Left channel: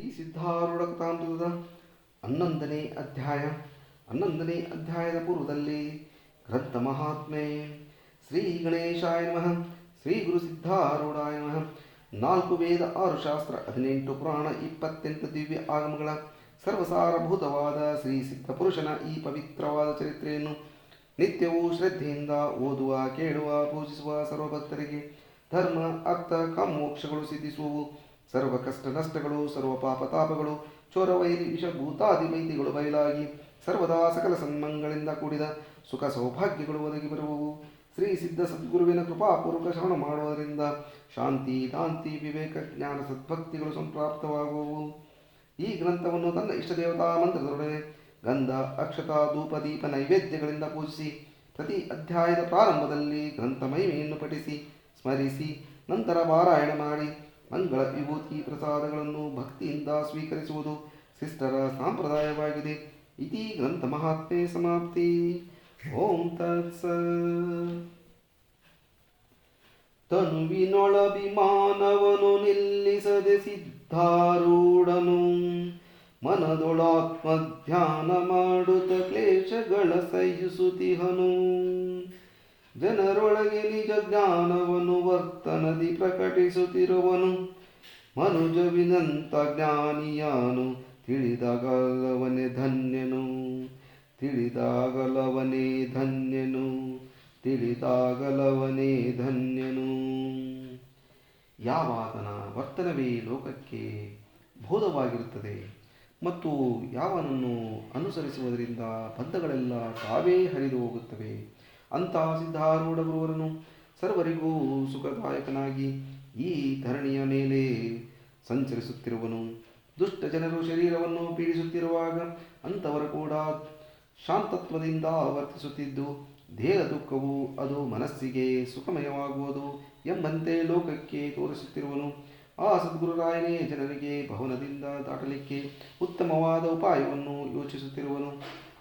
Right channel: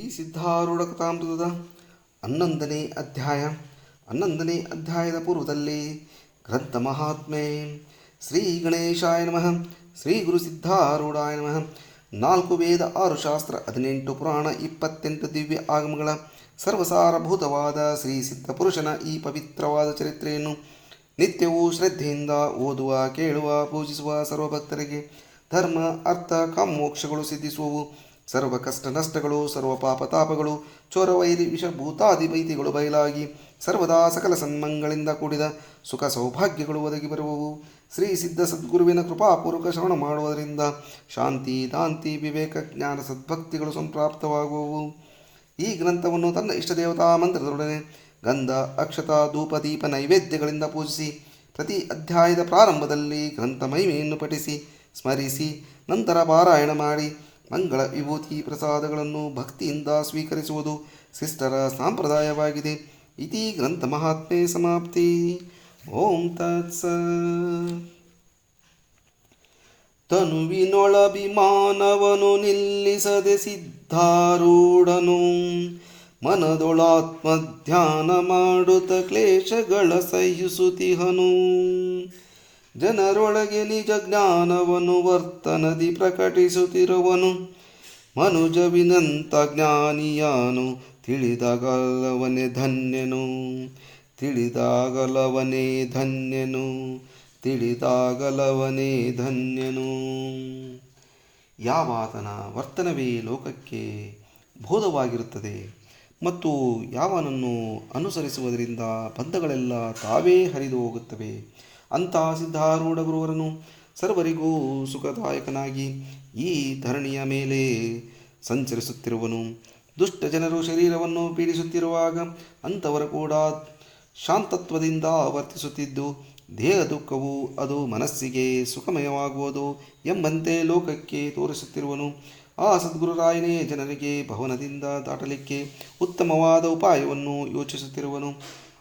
ಈ ಸಿದ್ಧಾರೂಢ ಕಥಾಮೃತದ 11ನೇ ಅಧ್ಯಾಯ. 11ನೇ ಅಧ್ಯಾಯದ ಪೂರ್ವದಲ್ಲಿ ಗ್ರಂಥ ಮಹಾತ್ಮೆ. ಶ್ರೀ ಗಣೇಶಾಯ ನಮಃ. ಶ್ರೀ ಗುರು ಸಿದ್ಧಾರೂಢಾಯ ನಮಃ. 4 ವೇದ, 6 ಶಾಸ್ತ್ರ, 18 ಪುರಾಣ, 28 ದಿವ್ಯ ಆಗಮಗಳ ಸರ್ವಸಾರಭೂತವಾದ ಶ್ರೀ ಸಿದ್ಧ ಪುರುಷನ ಈ ಪವಿತ್ರವಾದ ಚರಿತ್ರೆಯನ್ನು ನಿತ್ಯವೂ ಶ್ರದ್ಧೆಯಿಂದ ಓದುವ, ಕೇಳುವ, ಪೂಜಿಸುವ ಸರ್ವಭಕ್ತರಿಗೆ ಧರ್ಮ, ಅರ್ಥ, ಕಾಮೋಕ್ಷಗಳು ಸಿದ್ಧಿಸುವವು. ಸರ್ವ ಕಷ್ಟ ನಷ್ಟಗಳು, ಸರ್ವ ಪಾಪ ತಾಪಗಳು, ಚೋರ ವೈರಿ ವಿಷ ಭೂತಾದಿ ವೈದ್ಯಗಳು ಬಯಲಾಗಿ ಸರ್ವದಾ ಸಕಲ ಸನ್ಮಂಗಳಿಂದ ಕೂಡಿದ ಸುಖ ಸೌಭಾಗ್ಯಗಳು ಒದಗಿ ಬರುವವು. ಶ್ರೀ ಸಿದ್ಧ ಸದ್ಗುರುವಿನ ಕೃಪಾಪೂರ್ವಕ ಶ್ರವಣ ಮಾಡುವುದರಿಂದ ಶಾಂತಿ, ದಾಂತಿ, ವಿವೇಕ, ಜ್ಞಾನ, ಸದ್ಭಕ್ತಿಗಳು ಸಂಪ್ರಾಪ್ತವಾಗುವವು. ಈ ಗ್ರಂಥವನ್ನು ತನ್ನ ಇಷ್ಟ ದೇವತಾ ಮಂತ್ರದೊಡನೆ ಗಂಧ, ಅಕ್ಷತ, ಧೂಪ, ದೀಪ, ನೈವೇದ್ಯಗಳಿಂದ ಪೂಜಿಸಿ ಪ್ರತಿ ಅಧ್ಯಾಯದ ಪ್ರಾರಂಭದಲ್ಲಿ ಗ್ರಂಥ ಮಹಿಮೆಯನ್ನು ಪಠಿಸಿ ಸ್ಮರಿಸಿ ನಂತರ ಪಾರಾಯಣ ಮಾಡಿ ಮಂಗಳ ವಿಭೂತಿ ಪ್ರಸಾದಗಳನ್ನು ಭಕ್ತಿಯಿಂದ ಸ್ವೀಕರಿಸುವುದು ಶಿಷ್ಟರ ಸಂಪ್ರದಾಯವಾಗಿದೆ. ಇತಿ ಗ್ರಂಥ ಮಹಾತ್ಮೆ ಸಮಾಪ್ತಿ. ಓಂ ತತ್ಸತ್. ತನುವಿನೊಳಭಿಮಾನವನು ನಿಲ್ಲಿಸದೆ ಸಿದ್ಧಾರೂಢನು ಮನದೊಳಾತ್ಮಧ್ಯಾನ ಮಾಡುತ್ತ ಕ್ಲೇಶಗಳ ಸಹಿಸುತಿಹನು. ಜನರೊಳಗೆ ನಿಜ ಜ್ಞಾನವನ್ನು ವರ್ತನದಿ ಪ್ರಕಟಿಸುತ್ತಿರುವನು. ಮನುಜವಿನಂತ ಜ್ಞಾನಿಯಾನು ತಿಳಿದಾಗಲವನೇ ಧನ್ಯನು. ತಿಳಿದಾಗಲವನೇ ಧನ್ಯನು. ತಿಳಿದಾಗಲವನೇ ಧನ್ಯನು. ಯಾವಾತನ ವರ್ತನವೇ ಲೋಕಕ್ಕೆ ಬೋಧವಾಗಿರುತ್ತದೆ ಮತ್ತು ಯಾವನನ್ನು ಅನುಸರಿಸುವುದರಿಂದ ಬಂಧಗಳೆಲ್ಲ ತಾವೇ ಹರಿದು ಹೋಗುತ್ತವೆ ಅಂತಹ ಸಿದ್ಧಾರೂಢ ಗುರುವರನು ಸರ್ವರಿಗೂ ಸುಖದಾಯಕನಾಗಿ ಈ ಧರಣಿಯ ಮೇಲೆ ಸಂಚರಿಸುತ್ತಿರುವನು. ದುಷ್ಟ ಜನರು ಶರೀರವನ್ನು ಪೀಡಿಸುತ್ತಿರುವಾಗ ಅಂಥವರು ಕೂಡ ಶಾಂತತ್ವದಿಂದ ವರ್ತಿಸುತ್ತಿದ್ದು ದೇಹ ದುಃಖವು ಅದು ಮನಸ್ಸಿಗೆ ಸುಖಮಯವಾಗುವುದು ಎಂಬಂತೆ ಲೋಕಕ್ಕೆ ತೋರಿಸುತ್ತಿರುವನು. ಆ ಸದ್ಗುರುರಾಯನೇ ಜನರಿಗೆ ಭವನದಿಂದ ದಾಟಲಿಕ್ಕೆ ಉತ್ತಮವಾದ ಉಪಾಯವನ್ನು ಯೋಚಿಸುತ್ತಿರುವನು.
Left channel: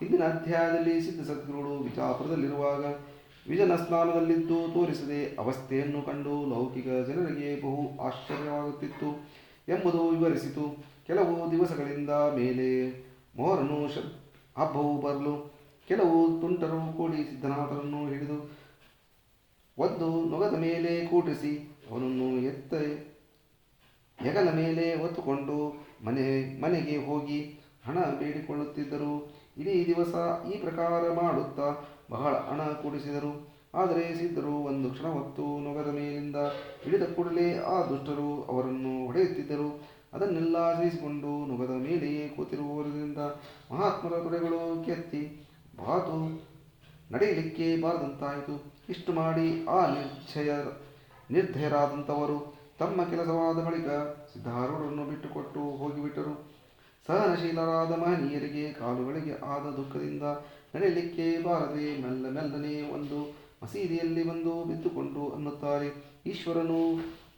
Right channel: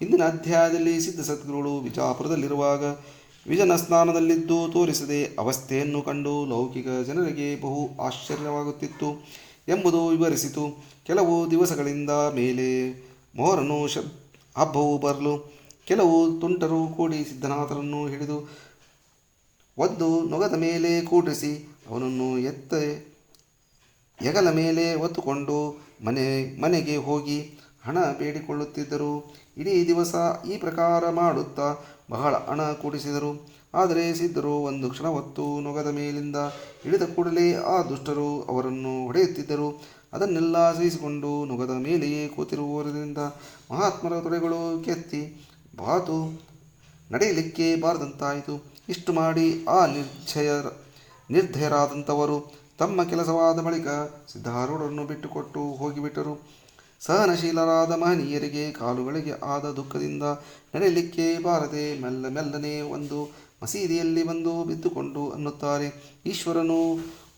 ಇಂದಿನ ಅಧ್ಯಾಯದಲ್ಲಿ ಸಿದ್ಧ ಸದ್ಗುರುಗಳು ವಿಜಾಪುರದಲ್ಲಿರುವಾಗ ವಿಜನ ಸ್ನಾನದಲ್ಲಿದ್ದು ತೋರಿಸದೆ ಅವಸ್ಥೆಯನ್ನು ಕಂಡು ಲೌಕಿಕ ಜನರಿಗೆ ಬಹು ಆಶ್ಚರ್ಯವಾಗುತ್ತಿತ್ತು ಎಂಬುದು ವಿವರಿಸಿತು. ಕೆಲವು ದಿವಸಗಳಿಂದ ಮೇಲೆ ಮೊಹರನು ಹಬ್ಬವು ಬರಲು ಕೆಲವು ತುಂಟರು ಕೂಡಿ ಸಿದ್ಧನಾಥರನ್ನು ಹಿಡಿದು ಒಂದು ನೊಗದ ಮೇಲೆ ಕೂಡಿಸಿ ಅವನನ್ನು ಹೆಗಲ ಮೇಲೆ ಹೊತ್ತುಕೊಂಡು ಮನೆಗೆ ಹೋಗಿ ಹಣ ಬೇಡಿಕೊಳ್ಳುತ್ತಿದ್ದರು. ಇಡೀ ದಿವಸ ಈ ಪ್ರಕಾರ ಮಾಡುತ್ತಾ ಬಹಳ ಹಣ ಕೂಡಿಸಿದರು. ಆದರೆ ಸಿದ್ಧರು ಒಂದು ಕ್ಷಣ ಹೊತ್ತು ನೊಗದ ಮೇಲಿಂದ ಇಳಿದ ಕೂಡಲೇ ಆ ದುಷ್ಟರು ಅವರನ್ನು ಹೊಡೆಯುತ್ತಿದ್ದರು. ಅದನ್ನೆಲ್ಲ ಸಹಿಸಿಕೊಂಡು ನೊಗದ ಮೇಲೆಯೇ ಕೂತಿರುವುದರಿಂದ ಮಹಾತ್ಮರ ತೊಡೆಗಳು ಕೆತ್ತಿ ಬಾತು ನಡೆಯಲಿಕ್ಕೆ ಬಾರದಂತಾಯಿತು. ಇಷ್ಟು ಮಾಡಿ ಆ ನಿರ್ಧಯರಾದಂಥವರು ತಮ್ಮ ಕೆಲಸವಾದ ಬಳಿಕ ಸಿದ್ಧಾರೂಢರನ್ನು ಬಿಟ್ಟುಕೊಟ್ಟು ಹೋಗಿಬಿಟ್ಟರು. ಸಹನಶೀಲರಾದ ಮಹನೀಯರಿಗೆ ಕಾಲುಗಳಿಗೆ ಆದ ದುಃಖದಿಂದ ನಡೆಯಲಿಕ್ಕೆ ಬಾರದೆ ಮೆಲ್ಲನೆ ಒಂದು ಮಸೀದಿಯಲ್ಲಿ ಬಂದು ಬಿದ್ದುಕೊಂಡು ಅನ್ನುತ್ತಾರೆ, ಈಶ್ವರನು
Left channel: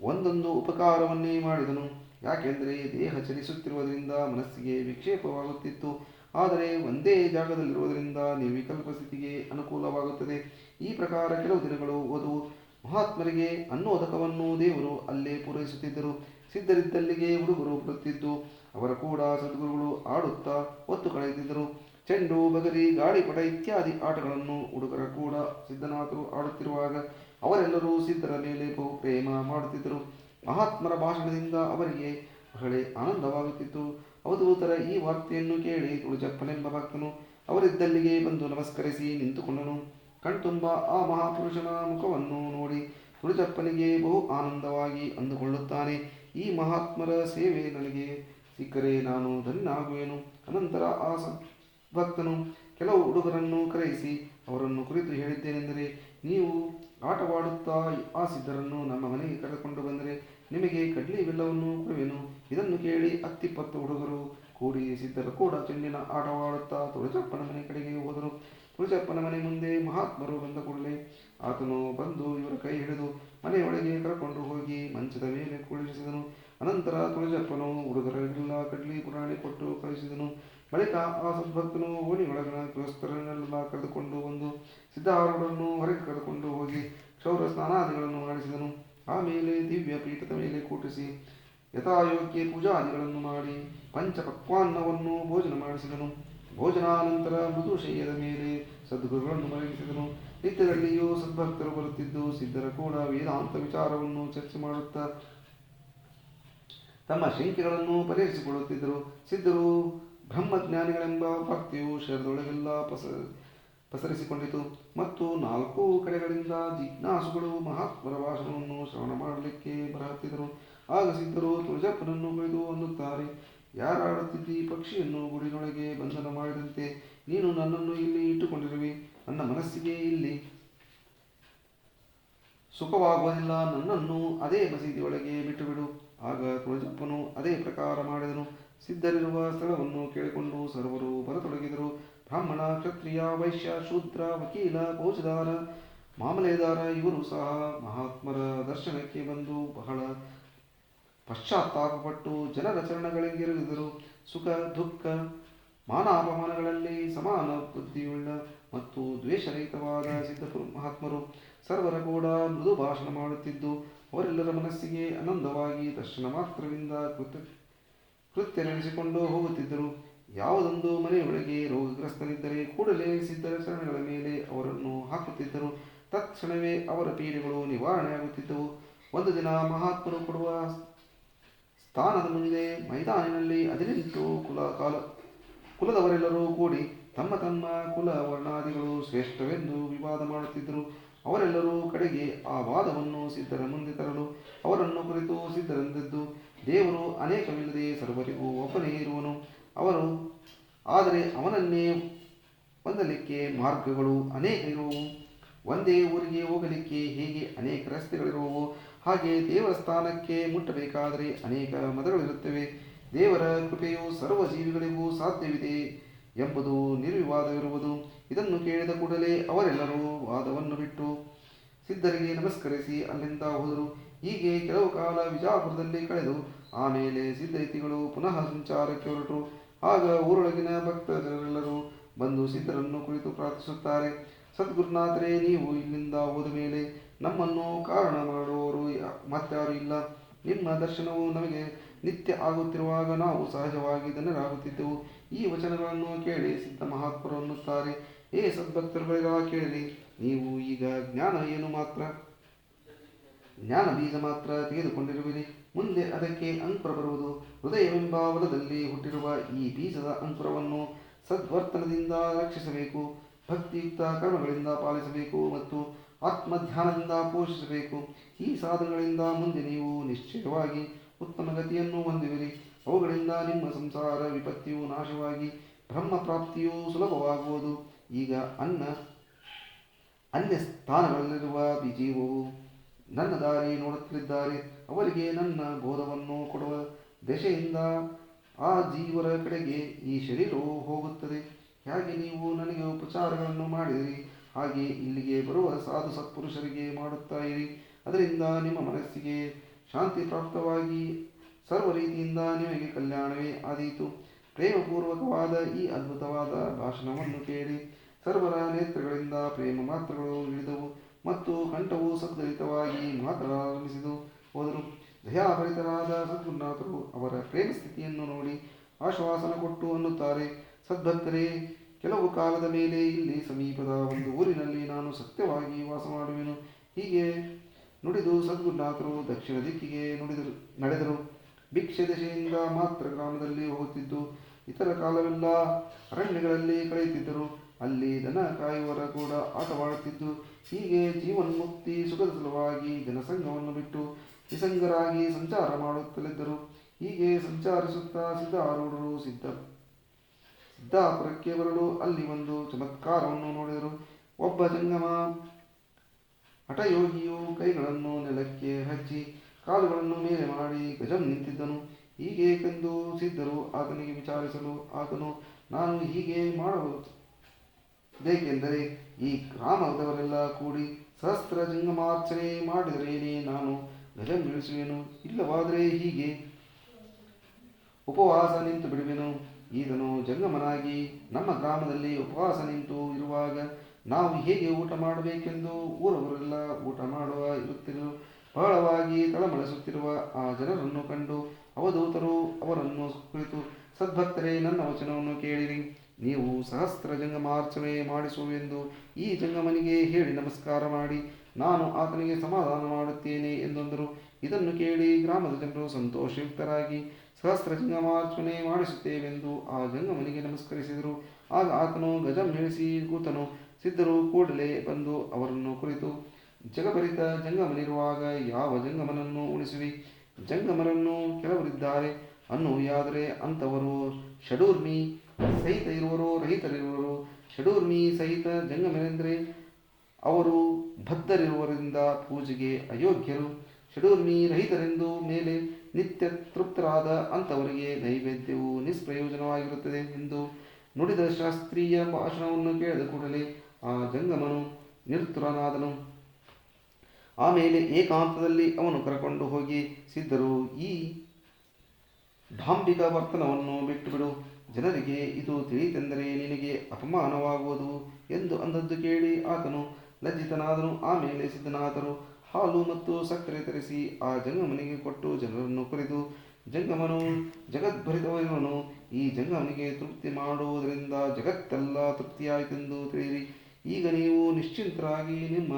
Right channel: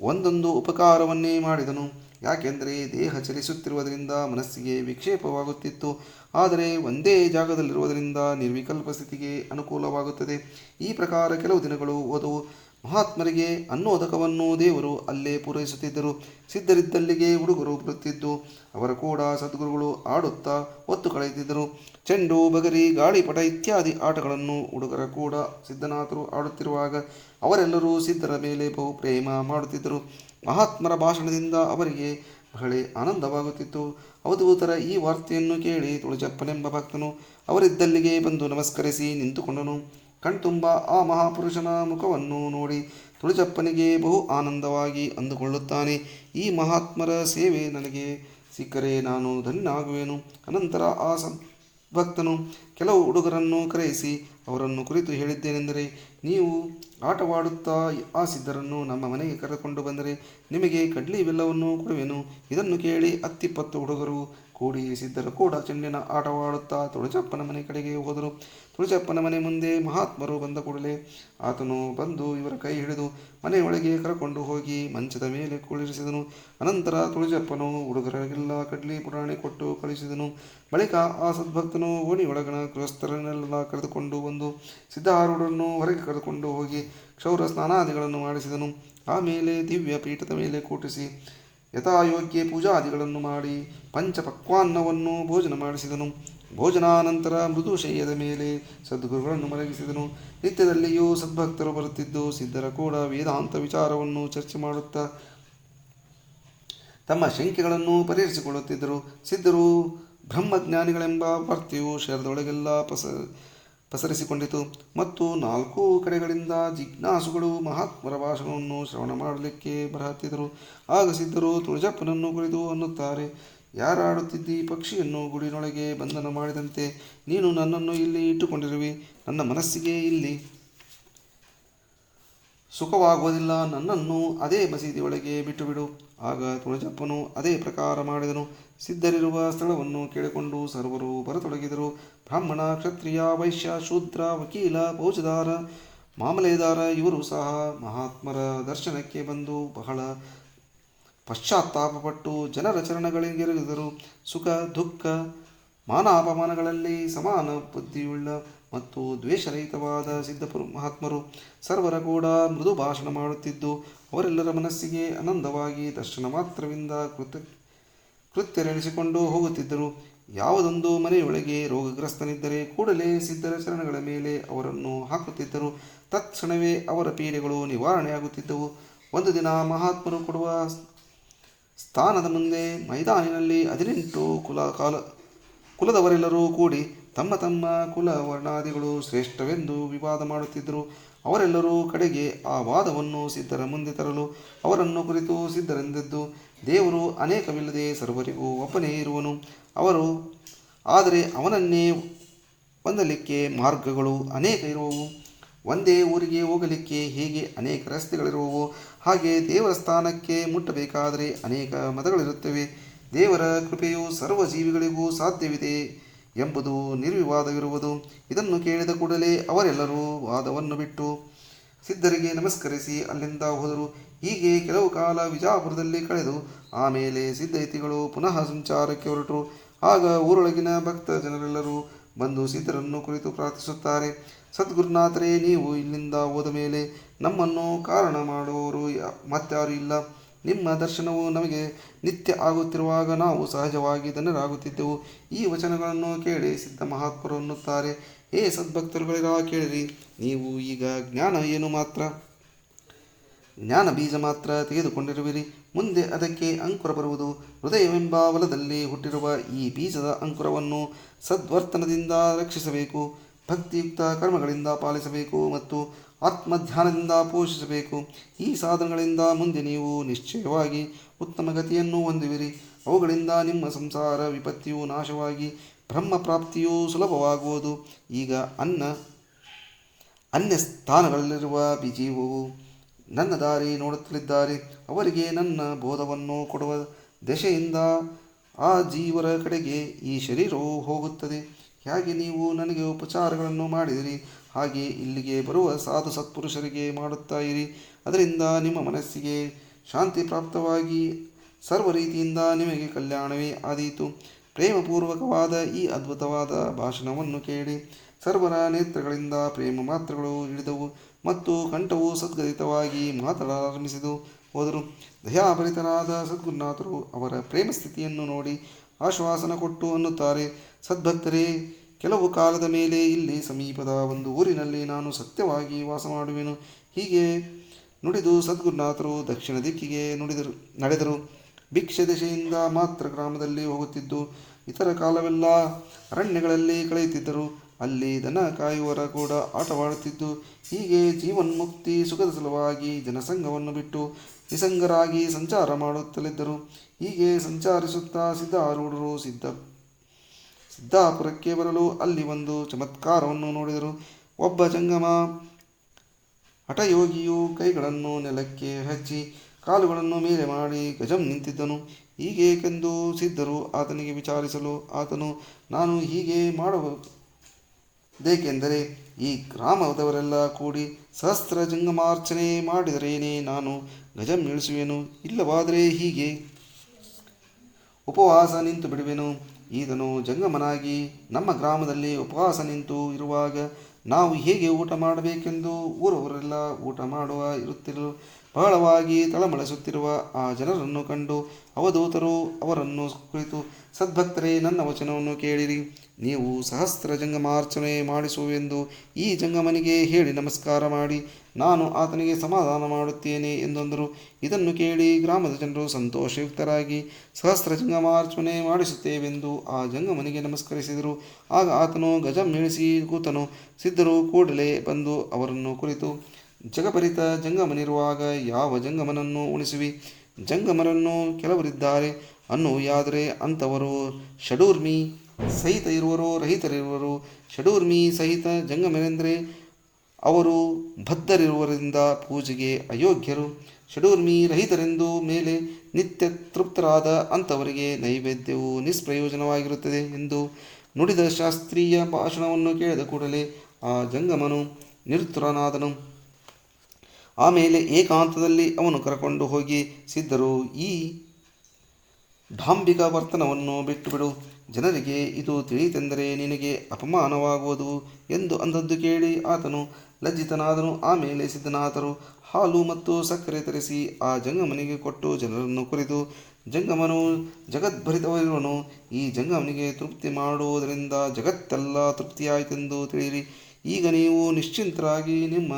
ಒಂದೊಂದು ಉಪಕಾರವನ್ನೇ ಮಾಡಿದನು. ಯಾಕೆಂದರೆ ದೇಹ ಚಲಿಸುತ್ತಿರುವುದರಿಂದ ಮನಸ್ಸಿಗೆ ವಿಕ್ಷೇಪವಾಗುತ್ತಿತ್ತು. ಆದರೆ ಒಂದೇ ಜಾಗದಲ್ಲಿರುವುದರಿಂದ ನಿರ್ವಿಕಲ್ಪ ಸ್ಥಿತಿಗೆ ಅನುಕೂಲವಾಗುತ್ತದೆ. ಈ ಪ್ರಕಾರ ಕೆಲವು ದಿನಗಳು ಹೋದವು. ಮಹಾತ್ಮರಿಗೆ ಅನ್ನೋದಕವನ್ನು ದೇವರು ಅಲ್ಲೇ ಪೂರೈಸುತ್ತಿದ್ದರು. ಸಿದ್ಧರಿದ್ದಲ್ಲಿಗೆ ಹುಡುಗರು ಬರುತ್ತಿದ್ದು ಅವರ ಕೂಡ ಸದ್ಗುರುಗಳು ಆಡುತ್ತಾ ಹೊತ್ತು ಕಳೆಯುತ್ತಿದ್ದರು. ಚೆಂಡು, ಬಗರಿ, ಗಾಳಿಪಟ ಇತ್ಯಾದಿ ಆಟಗಳನ್ನು ಹುಡುಗರ ಕೂಡ ಸಿದ್ಧನಾಥರು ಆಡುತ್ತಿರುವಾಗ ಅವರೆಲ್ಲರೂ ಸಿದ್ಧರ ಮೇಲೆ ಬಹು ಪ್ರೇಮ ಮಾಡುತ್ತಿದ್ದರು. ಮಹಾತ್ಮರ ಭಾಷಣದಿಂದ ಅವರಿಗೆ ಬಹಳ ಆನಂದವಾಗುತ್ತಿತ್ತು. ಅವಧೂತರ ಈ ವಾರ್ತೆಯನ್ನು ಕೇಳಿ ತುಳಜಪ್ಪನೆಂಬ ಭಕ್ತನು ಅವರಿದ್ದಲ್ಲಿಗೆ ಬಂದು ನಮಸ್ಕರಿಸಿ ನಿಂತುಕೊಂಡನು. ಕಣ್ತುಂಬ ಆ ಮಹಾಪುರುಷನ ಮುಖವನ್ನು ನೋಡಿ ತುಳಜಪ್ಪನಿಗೆ ಬಹು ಆನಂದವಾಗಿ ಅಂದುಕೊಳ್ಳುತ್ತಾನೆ. ಈ ಮಹಾತ್ಮರ ಸೇವೆ ನನಗೆ ಸಿಕ್ಕರೆ ನಾನು ಧನ್ಯನಾಗುವೆನು. ಅನಂತರ ಆ ಭಕ್ತನು ಕೆಲವು ಹುಡುಗರನ್ನು ಕರೆಯಿಸಿ ಅವರನ್ನು ಕುರಿತು ಹೇಳಿದ್ದೇನೆಂದರೆ, ನೀವು ಆಟವಾಡುತ್ತಾ ಆ ಸಿದ್ಧರನ್ನು ನಮ್ಮ ಮನೆಗೆ ಕರೆದುಕೊಂಡು ಬಂದರೆ ನಿಮಗೆ ಕಡ್ಲಿ ಬೆಲ್ಲವನ್ನು ಕೊಡುವೆನು. ಇದನ್ನು ಕೇಳಿ 10-20 ಹುಡುಗರು ಕೂಡಿ ಸಿದ್ಧರ ಕೂಡ ಚೆಂಡಿನ ಆಟವಾಡುತ್ತಾ ತುಳಜಪ್ಪನ ಮನೆ ಕಡೆಗೆ ಹೋದರು. ತುಳಜಪ್ಪನ ಮನೆ ಮುಂದೆ ಮಹಾತ್ಮರು ಬಂದ ಕೂಡಲೇ ಆತನು ಬಂದು ಇವರ ಕೈ ಹಿಡಿದು ಮನೆಯೊಳಗೆ ಕರಕೊಂಡು ಹೋಗಿ ಮಂಚದ ಮೇಲೆ ಕುಳ್ಳಿರಿಸಿದನು. ಅನಂತರ ತುಳಜಪ್ಪನು ಹುಡುಗರಿಗೆಲ್ಲ ಕಡ್ಲಿ ಪುರಾಣಿ ಕೊಟ್ಟು ಕಳಿಸಿದನು. ಬಳಿಕ ಆ ಸದ್ಭಕ್ತನು ಓಣಿಯೊಳಗಣ ಗೃಹಸ್ಥರನ್ನೆಲ್ಲ ಕರೆದುಕೊಂಡು ಬಂದು ಸಿದ್ಧಾರೂಢರನ್ನು ಹೊರಗೆ ಕರೆದುಕೊಂಡು ಹೋಗಿ ಕ್ಷೌರ ಸ್ನಾನಾದಿಗಳನ್ನು ಮಾಡಿಸಿದನು. ಆಮೇಲೆ ದಿವ್ಯ ಪೀಠದ ಮೇಲೆ ಕೂಟಿಸಿ ಯಥಾಯೋಗ್ಯ ಪೂಜಾದಿಗಳನ್ನು ಮಾಡಿ ಪಂಚಪಕ್ವಾನ್ನವನ್ನು ಭೋಜನ ಮಾಡಿಸಿದನು. ಭೋಜನಾನಂತರ ಮೃದು ಶಯ್ಯದ ಮೇಲೆ ಸದ್ಗುರುಗಳನ್ನು ಮಲಗಿಸಿದನು. ನಿತ್ಯದಲ್ಲಿಯೂ ಸದ್ಭಕ್ತರು ಬರುತ್ತಿದ್ದು ಸಿದ್ಧರ ಕೂಡ ವೇದಾಂತ ವಿಚಾರವನ್ನು ಚರ್ಚೆ ಮಾಡುತ್ತಾ ತಮ್ಮ ಶಂಕೆಗಳನ್ನು ಪರಿಹರಿಸಿಕೊಳ್ಳುತ್ತಿದ್ದರು. ಸಿದ್ಧರು ಬ್ರಹ್ಮಜ್ಞಾನಿಗಳೆಂಬ ವಾರ್ತೆಯು ಶರೀರದೊಳಗೆಲ್ಲ ಪಸರಿಸಿಕೊಂಡಿತು ಮತ್ತು ನಾಲ್ಕು ಕಡೆಗಳಿಂದ ಜಿಜ್ಞಾಸುಗಳು ಮಹಾತ್ಮರ ಭಾಷಣವನ್ನು ಶ್ರವಣ ಮಾಡಲಿಕ್ಕೆ ಬರಹತ್ತಿದರು. ಆಗ ಸಿದ್ಧರು ತುಳಜಪ್ಪನನ್ನು ಕುರಿತು ಅನ್ನುತ್ತಾರೆ, ಯಾರಾಡುತ್ತಿದ್ದಿ? ಪಕ್ಷಿಯನ್ನು ಗುಡಿನೊಳಗೆ ಬಂಧನ ಮಾಡಿದಂತೆ ನೀನು ನನ್ನನ್ನು ಇಲ್ಲಿ ಇಟ್ಟುಕೊಂಡಿರುವಿ. ನನ್ನ ಮನಸ್ಸಿಗೆ ಇಲ್ಲಿ ಸುಖವಾಗುವುದಿಲ್ಲ. ನನ್ನನ್ನು ಅದೇ ಮಸೀದಿಯೊಳಗೆ ಬಿಟ್ಟುಬಿಡು. ಆಗ ತುಳಜಪ್ಪನು ಅದೇ ಪ್ರಕಾರ ಮಾಡಿದನು. ಸಿದ್ಧರಿರುವ ಸ್ಥಳವನ್ನು ಕೇಳಿಕೊಂಡು ಸರ್ವರು ಬರತೊಡಗಿದರು. ಬ್ರಾಹ್ಮಣ, ಕ್ಷತ್ರಿಯ, ವೈಶ್ಯ, ಶೂದ್ರ, ವಕೀಲ, ಫೌಜದಾರ, ಮಾಮಲೆದಾರ ಇವರು ಸಹ ಮಹಾತ್ಮರ ದರ್ಶನಕ್ಕೆ ಬಂದು ಬಹಳ ಪಶ್ಚಾತ್ತಾಪಪಟ್ಟು ಜನರ ಚರಣಗಳಿಗೆರಗಿದರು. ಸುಖ ದುಃಖ ಮಾನಾಪಮಾನಗಳಲ್ಲಿ ಸಮಾನ ಬುದ್ಧಿಯುಳ್ಳ ಮತ್ತು ದ್ವೇಷರಹಿತವಾದ ಸಿದ್ಧ ಮಹಾತ್ಮರು ಸರ್ವರ ಕೂಡ ಮೃದು ಭಾಷಣ ಮಾಡುತ್ತಿದ್ದು ಅವರೆಲ್ಲರ ಮನಸ್ಸಿಗೆ ಆನಂದವಾಗಿ ದರ್ಶನ ಮಾತ್ರವಿಂದ ಕೃತ್ಯರೆನಿಸಿಕೊಂಡು ಹೋಗುತ್ತಿದ್ದರು. ಯಾವುದೊಂದು ಮನೆಯೊಳಗೆ ರೋಗಗ್ರಸ್ತನಿದ್ದರೆ ಕೂಡಲೇ ಸಿದ್ಧರ ಚರಣಗಳ ಮೇಲೆ ಅವರನ್ನು ಹಾಕುತ್ತಿದ್ದರು. ತತ್ಕ್ಷಣವೇ ಅವರ ಪೀಡೆಗಳು ನಿವಾರಣೆಯಾಗುತ್ತಿದ್ದವು. ಒಂದು ದಿನ ಮಹಾತ್ಮರು ಕೊಡುವ ಸ್ಥಾನದ ಮುಂದೆ ಮೈದಾನಿನಲ್ಲಿ 18 ಕುಲದವರೆಲ್ಲರೂ ಕೂಡಿ ತಮ್ಮ ತಮ್ಮ ಕುಲ ವರ್ಣಾದಿಗಳು ಶ್ರೇಷ್ಠವೆಂದು ವಿವಾದ ಮಾಡುತ್ತಿದ್ದರು. ಅವರೆಲ್ಲರೂ ಕಡೆಗೆ ಆ ವಾದವನ್ನು ಸಿದ್ಧರ ಮುಂದೆ ತರಲು ಅವರನ್ನು ಕುರಿತು ಸಿದ್ಧರೆಂದದ್ದು, ದೇವರು ಅನೇಕವಿಲ್ಲದೆ ಸರ್ವರಿಗೂ ಒಬ್ಬನೇ ಇರುವನು. ಆದರೆ ಅವನನ್ನೇ ಹೊಂದಲಿಕ್ಕೆ ಮಾರ್ಗಗಳು ಅನೇಕ ಇರುವವು. ಒಂದೇ ಊರಿಗೆ ಹೋಗಲಿಕ್ಕೆ ಹೇಗೆ ಅನೇಕ ರಸ್ತೆಗಳಿರುವವು, ಹಾಗೆ ದೇವರ ಸ್ಥಾನಕ್ಕೆ ಮುಟ್ಟಬೇಕಾದರೆ ಅನೇಕ ಮತಗಳಿರುತ್ತವೆ. ದೇವರ ಕೃಪೆಯು ಸರ್ವ ಜೀವಿಗಳಿಗೂ ಸಾಧ್ಯವಿದೆ ಎಂಬುದು ನಿರ್ವಿವಾದವಿರುವುದು. ಇದನ್ನು ಕೇಳಿದ ಕೂಡಲೇ ಅವರೆಲ್ಲರೂ ವಾದವನ್ನು ಬಿಟ್ಟು ಸಿದ್ಧರಿಗೆ ನಮಸ್ಕರಿಸಿ ಅಲ್ಲಿಂದ ಹೋದರು. ಹೀಗೆ ಕೆಲವು ಕಾಲ ವಿಜಾಪುರದಲ್ಲಿ ಕಳೆದು ಆಮೇಲೆ ಸಿದ್ಧಯತಿಗಳು ಪುನಃ ಸಂಚಾರಕ್ಕೆ ಹೊರಟರು. ಆಗ ಊರೊಳಗಿನ ಭಕ್ತ ಜನರೆಲ್ಲರೂ ಬಂದು ಸಿದ್ಧರನ್ನು ಕುರಿತು ಪ್ರಾರ್ಥಿಸುತ್ತಾರೆ, ಸದ್ಗುರುನಾಥರೇ, ನೀವು ಇಲ್ಲಿಂದ ಹೋದ ಮೇಲೆ ನಮ್ಮನ್ನು ಕಾರಣ ಮಾಡುವವರು ಮತ್ತಾರೂ ಇಲ್ಲ. ನಿಮ್ಮ ದರ್ಶನವು ನಮಗೆ ನಿತ್ಯ ಆಗುತ್ತಿರುವಾಗ ನಾವು ಸಹಜವಾಗಿ ಧನ್ಯರಾಗುತ್ತಿದ್ದೆವು. ಈ ವಚನಗಳನ್ನು ಕೇಳಿ ಸಿದ್ಧ ಮಹಾತ್ಮರು ಅನ್ನುತ್ತಾರೆ, ಹೇ ಸದ್ಭಕ್ತರುಗಳಿರ, ಕೇಳಿರಿ. ನೀವು ಈಗ ಜ್ಞಾನ ಬೀಜ ಮಾತ್ರ ತೆಗೆದುಕೊಂಡಿರುವಿರಿ. ಮುಂದೆ ಅದಕ್ಕೆ ಅಂಕುರ ಬರುವುದು. ಹೃದಯವೆಂಬ ಹೊಲದಲ್ಲಿ ಹುಟ್ಟಿರುವ ಈ ಬೀಜದ ಅಂಕುರವನ್ನು ಸದ್ವರ್ತನದಿಂದ ರಕ್ಷಿಸಬೇಕು, ಭಕ್ತಿಯುಕ್ತ ಕರ್ಮಗಳಿಂದ ಪಾಲಿಸಬೇಕು ಮತ್ತು ಆತ್ಮಧ್ಯಾನದಿಂದ ಪೋಷಿಸಬೇಕು. ಈ ಸಾಧನಗಳಿಂದ ಮುಂದೆ ನೀವು ನಿಶ್ಚಯವಾಗಿ ಉತ್ತಮ ಗತಿಯನ್ನು ಹೊಂದುವಿರಿ. ಅವುಗಳಿಂದ ನಿಮ್ಮ ಸಂಸಾರ ವಿಪತ್ತಿಯು ನಾಶವಾಗಿ ಬ್ರಹ್ಮ ಪ್ರಾಪ್ತಿಯು ಸುಲಭವಾಗುವುದು. ಈಗ ಅನ್ಯ ಸ್ಥಾನಗಳಲ್ಲಿರುವ ಜೀವವು ನನ್ನ ದಾರಿ ನೋಡುತ್ತಲಿದ್ದಾರೆ. ಅವರಿಗೆ ನನ್ನ ಬೋಧವನ್ನು ಕೊಡುವ ದೆಸೆಯಿಂದ ಆ ಜೀವರ ಕಡೆಗೆ ಈ ಶರೀರವು ಹೋಗುತ್ತದೆ. ಹೇಗೆ ನೀವು ನನಗೆ ಉಪಚಾರಗಳನ್ನು ಮಾಡಿದಿರಿ, ಹಾಗೆ ಇಲ್ಲಿಗೆ ಬರುವ ಸಾಧು ಸತ್ಪುರುಷರಿಗೆ ಮಾಡುತ್ತಾ ಇರಿ. ಅದರಿಂದ ನಿಮ್ಮ ಮನಸ್ಸಿಗೆ ಶಾಂತಿ ಪ್ರಾಪ್ತವಾಗಿ ಸರ್ವ ರೀತಿಯಿಂದ ನಿಮಗೆ ಕಲ್ಯಾಣವೇ ಆದೀತು. ಪ್ರೇಮಪೂರ್ವಕವಾದ ಈ ಅದ್ಭುತವಾದ ಭಾಷಣವನ್ನು ಕೇಳಿ ಸರ್ವರ ನೇತ್ರಗಳಿಂದ ಪ್ರೇಮ ಮಾತ್ರಗಳು ಇಳಿದವು ಮತ್ತು ಕಂಠವು ಸದ್ಗದಿತವಾಗಿ ಮಾತನಾಡಲಾರಂಭಿಸಿದು ಹೋದರು. ದಯಾಭರಿತರಾದ ಸದ್ಗುರುನಾಥರು ಅವರ ಪ್ರೇಮ ಸ್ಥಿತಿಯನ್ನು ನೋಡಿ ಆಶ್ವಾಸನ ಕೊಟ್ಟು ಅನ್ನುತ್ತಾರೆ, ಸದ್ಭಕ್ತರೇ, ಕೆಲವು ಕಾಲದ ಮೇಲೆ ಇಲ್ಲಿ ಸಮೀಪದ ಒಂದು ಊರಿನಲ್ಲಿ ನಾನು ಸತ್ಯವಾಗಿ ವಾಸ ಮಾಡುವೆನು. ಹೀಗೆ ನುಡಿದು ಸದ್ಗುರುನಾಥರು ದಕ್ಷಿಣ ದಿಕ್ಕಿಗೆ ನಡೆದರು. ಭಿಕ್ಷೆ ದೆಸೆಯಿಂದ ಮಾತ್ರ ಗ್ರಾಮದಲ್ಲಿ ಹೋಗುತ್ತಿದ್ದು ಇತರ ಕಾಲವೆಲ್ಲ ಅರಣ್ಯಗಳಲ್ಲಿ ಕಳೆಯುತ್ತಿದ್ದರು. ಅಲ್ಲಿ ದನ ಕಾಯುವರ ಕೂಡ ಆಟವಾಡುತ್ತಿದ್ದು ಹೀಗೆ ಜೀವನ್ಮುಕ್ತಿ ಸುಖದ ಸಲುವಾಗಿ ಜನಸಂಘವನ್ನು ಬಿಟ್ಟು ನಿಸಂಗರಾಗಿ ಸಂಚಾರ ಮಾಡುತ್ತಲಿದ್ದರು. ಹೀಗೆ ಸಂಚರಿಸುತ್ತಾ ಸಿದ್ಧಾರೂಢರು ಸಿದ್ದಾಪುರಕ್ಕೆ ಬರಲು ಅಲ್ಲಿ ಒಂದು ಚಮತ್ಕಾರವನ್ನು ನೋಡಿದರು. ಒಬ್ಬ ಜಂಗಮ ಹಠಯೋಗಿಯು ಕೈಗಳನ್ನು ನೆಲಕ್ಕೆ ಹಚ್ಚಿ ಕಾಲುಗಳನ್ನು ಮೇಲೆ ಮಾಡಿ ಗಜಂ ನಿಂತಿದ್ದನು. ಹೀಗೇಕೆಂದು ಸಿದ್ಧರು ಆತನಿಗೆ ವಿಚಾರಿಸಲು ಆತನು, ನಾನು ಹೀಗೆ ಮಾಡುವುದೇಕೆಂದರೆ ಈ ಗ್ರಾಮದವರೆಲ್ಲ ಕೂಡಿ ಸಹಸ್ರ ಜಂಗಮಾರ್ಚನೆ ಮಾಡಿದರೇನೇ ನಾನು ಗಜಂ ಇಳಿಸುವೆನು, ಇಲ್ಲವಾದರೆ ಹೀಗೆ ಉಪವಾಸ ನಿಂತು ಬಿಡುವೆನು. ಈತನು ಜಂಗಮನಾಗಿ ನಮ್ಮ ಗ್ರಾಮದಲ್ಲಿ ಉಪವಾಸ ನಿಂತು ಇರುವಾಗ ನಾವು ಹೇಗೆ ಊಟ ಮಾಡಬೇಕೆಂದು ಊರವರೆಲ್ಲ ಊಟ ಮಾಡುವ ಇರುತ್ತಿರಲು ಬಹಳವಾಗಿ ತಳಮಳಿಸುತ್ತಿರುವ ಆ ಜನರನ್ನು ಕಂಡು ಅವಧೂತರು ಅವರನ್ನು ಕುರಿತು, ಸದ್ಭಕ್ತರೇ, ನನ್ನ ವಚನವನ್ನು ಕೇಳಿರಿ. ನೀವು ಸಹಸ್ರ ಜಂಗಮಾರ್ಚನೆ ಮಾಡಿಸುವೆಂದು ಈ ಜಂಗಮನಿಗೆ ಹೇಳಿ ನಮಸ್ಕಾರ ಮಾಡಿ, ನಾನು ಆತನಿಗೆ ಸಮಾಧಾನ ಮಾಡುತ್ತೇನೆ ಎಂದೊಂದರು. ಇದನ್ನು ಕೇಳಿ ಗ್ರಾಮದ ಜನರು ಸಂತೋಷಯುಕ್ತರಾಗಿ ಸಹಸ್ರ ಜಂಗಮಾರ್ಚನೆ ಮಾಡಿಸುತ್ತೇವೆಂದು ಆ ಜಂಗಮನಿಗೆ ನಮಸ್ಕರಿಸಿದರು. ಆಗ ಆತನು ಗಜಂ ಕೂತನು. ಸಿದ್ಧರು ಕೂಡಲೇ ಬಂದು ಅವರನ್ನು ಕುರಿತು, ಜಗಪರಿತ ಜಂಗಮನಿರುವಾಗ ಯಾವ ಜಂಗಮನನ್ನು ಉಣಿಸುವಿ? ಜಂಗಮರನ್ನು ಕೆಲವರಿದ್ದಾರೆ ಅನ್ನುವುದಾದರೆ ಅಂಥವರು ಷಡೂರ್ಮಿ ಸಹಿತ ಇರುವರು, ರಹಿತರಿರುವರು. ಷಡೂರ್ಮಿ ಸಹಿತ ಜಂಗಮರೆಂದರೆ ಅವರು ಬದ್ಧರಿರುವರಿಂದ ಪೂಜೆಗೆ ಅಯೋಗ್ಯರು. ಷಡೂರ್ಮಿ ರಹಿತರೆಂದು ಮೇಲೆ ನಿತ್ಯ ತೃಪ್ತರಾದ ಅಂಥವರಿಗೆ ನೈವೇದ್ಯವು ನಿಷ್ಪ್ರಯೋಜನವಾಗಿರುತ್ತದೆ ಎಂದು ನುಡಿದ ಶಾಸ್ತ್ರೀಯ ಭಾಷಣವನ್ನು ಕೇಳಿದ ಕೂಡಲೇ ಆ ಜಂಗಮನು ನಿರುತ್ತರನಾದನು. ಆಮೇಲೆ ಏಕಾಂತದಲ್ಲಿ ಅವನು ಕರಕೊಂಡು ಹೋಗಿ, ಸಿದ್ಧರು, ಈ ಡಾಂಬಿಕ ವರ್ತನವನ್ನು ಬಿಟ್ಟುಬಿಡು. ಜನರಿಗೆ ಇದು ತಿಳಿಯಿತೆಂದರೆ ನಿನಗೆ ಅಪಮಾನವಾಗುವುದು ಎಂದು ಅಂದದ್ದು ಕೇಳಿ ಆತನು ಲಜ್ಜಿತನಾದನು. ಆಮೇಲೆ ಸಿದ್ಧನಾಥರು ಹಾಲು ಮತ್ತು ಸಕ್ಕರೆ ತರಿಸಿ ಆ ಜಂಗಮನಿಗೆ ಕೊಟ್ಟು ಜನರನ್ನು ಕುರಿತು, ಜಂಗಮನು ಜಗದ್ಭರಿತವಿರುವನು. ಈ ಜಂಗಮನಿಗೆ ತೃಪ್ತಿ ಮಾಡುವುದರಿಂದ ಜಗತ್ತೆಲ್ಲ ತೃಪ್ತಿಯಾಯಿತೆಂದು ತಿಳಿಯಿರಿ. ಈಗ ನೀವು ನಿಶ್ಚಿಂತರಾಗಿ ನಿಮ್ಮ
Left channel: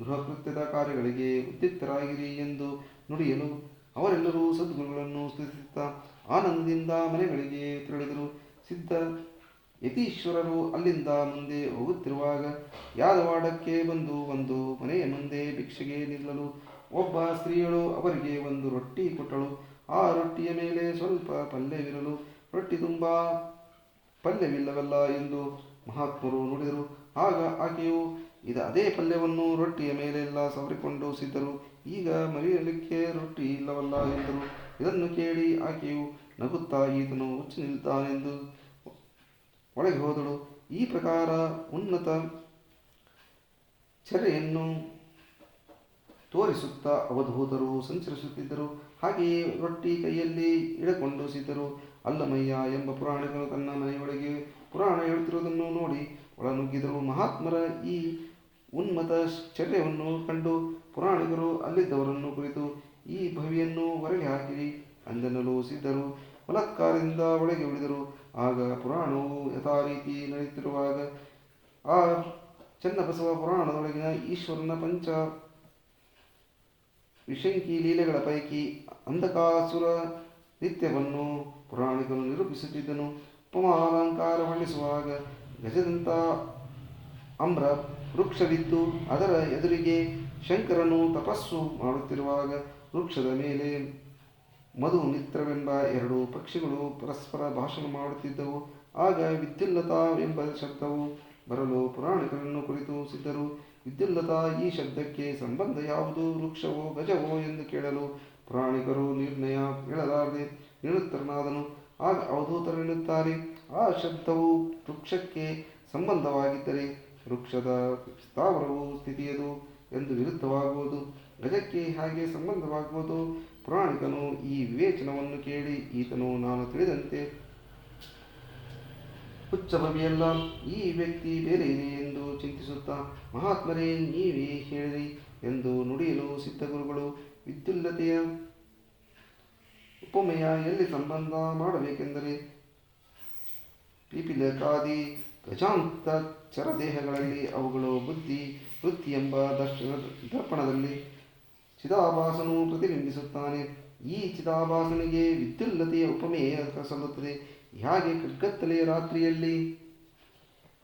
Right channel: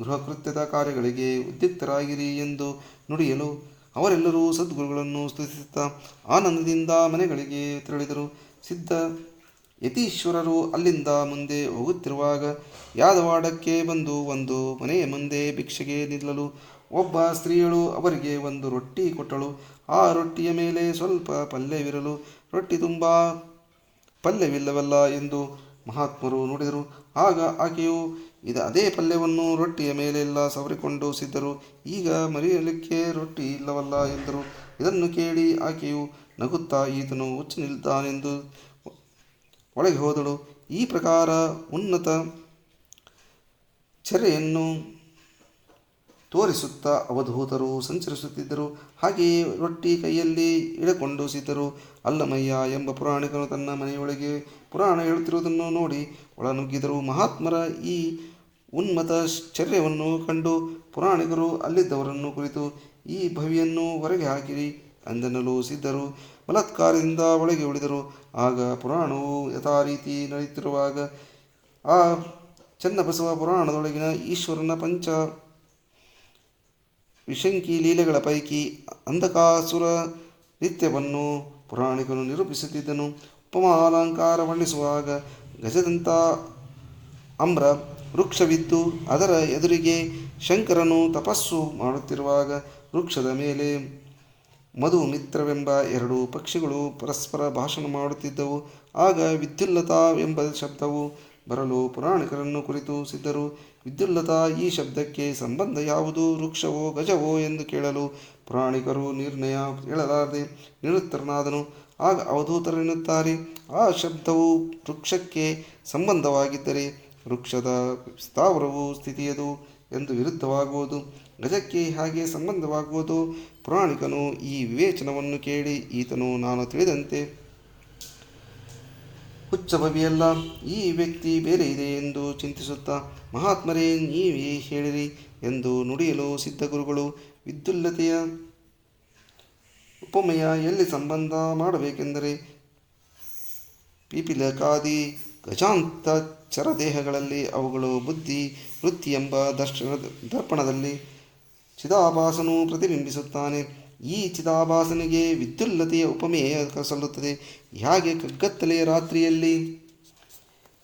ಗೃಹಕೃತ್ಯದ ಕಾರ್ಯಗಳಿಗೆ ಉದ್ಯುಕ್ತರಾಗಿರಿ ಎಂದು ನುಡಿಯಲು ಅವರೆಲ್ಲರೂ ಸದ್ಗುರುಗಳನ್ನು ಸ್ತುತಿಸುತ್ತಾ ಆನಂದದಿಂದ ಮನೆಗಳಿಗೆ ತೆರಳಿದರು. ಸಿದ್ಧ ಯತೀಶ್ವರರು ಅಲ್ಲಿಂದ ಮುಂದೆ ಹೋಗುತ್ತಿರುವಾಗ ಯಾದವಾಡಕ್ಕೆ ಬಂದು ಒಂದು ಮನೆಯ ಮುಂದೆ ಭಿಕ್ಷೆಗೆ ನಿಲ್ಲಲು ಒಬ್ಬ ಸ್ತ್ರೀಯಳು ಅವರಿಗೆ ಒಂದು ರೊಟ್ಟಿ ಕೊಟ್ಟಳು. ಆ ರೊಟ್ಟಿಯ ಮೇಲೆ ಸ್ವಲ್ಪ ಪಲ್ಯವಿರಲು ರೊಟ್ಟಿ ತುಂಬ ಪಲ್ಯವಿಲ್ಲವಲ್ಲ ಎಂದು ಮಹಾತ್ಮರು ನುಡಿದರು. ಆಗ ಆಕೆಯು ಅದೇ ಪಲ್ಯವನ್ನು ರೊಟ್ಟಿಯ ಮೇಲೆಲ್ಲ ಸವರಿಕೊಂಡು, ಸಿದ್ಧರು, ಈಗ ಮರೆಯಲಿಕ್ಕೆ ರೊಟ್ಟಿ ಇಲ್ಲವಲ್ಲ ಎಂದರು. ಇದನ್ನು ಕೇಳಿ ಆಕೆಯು ನಗುತ್ತಾ, ಈತನು ಹುಚ್ಚನಿದ್ದಾನೆಂದು ಒಳಗೆ ಹೋದಳು. ಈ ಪ್ರಕಾರ ಉನ್ನತ ಚರ್ಯೆಯನ್ನು ತೋರಿಸುತ್ತಾ ಅವಧೂತರು ಸಂಚರಿಸುತ್ತಿದ್ದರು. ಹಾಗೆಯೇ ರೊಟ್ಟಿ ಕೈಯಲ್ಲಿ ಹಿಡಕೊಂಡು ಸಿದ್ಧರು. ಅಲ್ಲಮಯ್ಯ ಎಂಬ ಪುರಾಣಿಕನು ತನ್ನ ಮನೆಯೊಳಗೆ ಪುರಾಣ ಹೇಳುತ್ತಿರುವುದನ್ನು ನೋಡಿ ಒಳನುಗ್ಗಿದರು. ಮಹಾತ್ಮರ ಈ ಉನ್ಮತ ಚರ್ಯವನ್ನು ಕಂಡು ಪುರಾಣಿಕರು ಅಲ್ಲಿದ್ದವರನ್ನು ಕುರಿತು, ಈ ಭವಿಯನ್ನು ಹೊರಗೆ ಹಾಕಿರಿ ಅಂದೆನ್ನಲು ಸಿದ್ಧರು ಬಲಾತ್ಕಾರದಿಂದ ಒಳಗೆ ಉಳಿದರು. ಆಗ ಪುರಾಣವು ಯಥಾರೀತಿ ನಡೆಯುತ್ತಿರುವಾಗ ಆ ಚನ್ನಬಸವ ಪುರಾಣದೊಳಗಿನ ಈಶ್ವರನ ಪಂಚ ವಿಶಂಕಿ ಲೀಲೆಗಳ ಪೈಕಿ ಅಂಧಕಾಸುರ ನಿತ್ಯವನ್ನು ಪುರಾಣಿಕನು ನಿರೂಪಿಸುತ್ತಿದ್ದನು. ಉಪಮಾಲಂಕಾರ ವರ್ಣಿಸುವಾಗ ಗಜದಂತ ಅಮ್ರ ವೃಕ್ಷವಿದ್ದು ಅದರ ಎದುರಿಗೆ ಶಂಕರನು ತಪಸ್ಸು ಮಾಡುತ್ತಿರುವಾಗ ವೃಕ್ಷದ ಮೇಲೆ ಮಧು ಮಿತ್ರವೆಂಬ ಎರಡು ಪಕ್ಷಿಗಳು ಪರಸ್ಪರ ಭಾಷಣ ಮಾಡುತ್ತಿದ್ದವು. ಆಗ ವಿದ್ಯುಲ್ಲತಾ ಎಂಬ ಶಬ್ದವು ಬರಲು ಪುರಾಣಿಕರನ್ನು ಕುರಿತು ಸಿದ್ಧರು, ವಿದ್ಯುಲ್ಲತಾ, ಈ ಶಬ್ದಕ್ಕೆ ಸಂಬಂಧ ಯಾವುದು? ವೃಕ್ಷವೋ ಗಜವೋ ಎಂದು ಕೇಳಲು ಪುರಾಣಿಕರು ನಿರ್ಣಯ ಹೇಳಲಾರದೆ ನಿರುತ್ತರನಾದನು. ಆಗ ಅವಧೂತರು ಎನ್ನುತ್ತಾರೆ, ಆ ಶಬ್ದವು ವೃಕ್ಷಕ್ಕೆ ಸಂಬಂಧವಾಗಿದ್ದರೆ ವೃಕ್ಷದ ಸ್ಥಾವರವು ಸ್ಥಿತಿಯದು ಎಂದು ವಿರುದ್ಧವಾಗುವುದು. ಗಜಕ್ಕೆ ಹಾಗೆ ಸಂಬಂಧವಾಗುವುದು. ಪುರಾಣಿಕನು ಈ ವಿವೇಚನವನ್ನು ಕೇಳಿ ಈತನು ನಾನು ತಿಳಿದಂತೆ ಹುಚ್ಚಭವಿಯಲ್ಲ, ಈ ವ್ಯಕ್ತಿ ಬೇರೆ ಇದೆ ಎಂದು ಚಿಂತಿಸುತ್ತಾ, ಮಹಾತ್ಮರೇ, ನೀವೇ ಹೇಳಿರಿ ಎಂದು ನುಡಿಯಲು ಸಿದ್ಧಗುರುಗಳು ವಿದ್ಯುಲ್ಲತೆಯ ಉಪಮೆಯ ಎಲ್ಲಿ ಸಂಬಂಧ ಮಾಡಬೇಕೆಂದರೆ ಪಿಪೀಲಕಾದಿ ಗಜಾಂತ ಚರದೇಹಗಳಲ್ಲಿ ಅವುಗಳು ಬುದ್ಧಿ ವೃತ್ತಿ ಎಂಬ ದರ್ಪಣದಲ್ಲಿ ಚಿದಾಭಾಸನು ಪ್ರತಿಬಿಂಬಿಸುತ್ತಾನೆ. ಈ ಚಿದಾಭಾಸನಿಗೆ ವಿದ್ಯುಲ್ಲತೆಯ ಉಪಮೆಯ ಸಲ್ಲುತ್ತದೆ. ಹಾಗೆ ಕಗ್ಗತ್ತಲೆಯ ರಾತ್ರಿಯಲ್ಲಿ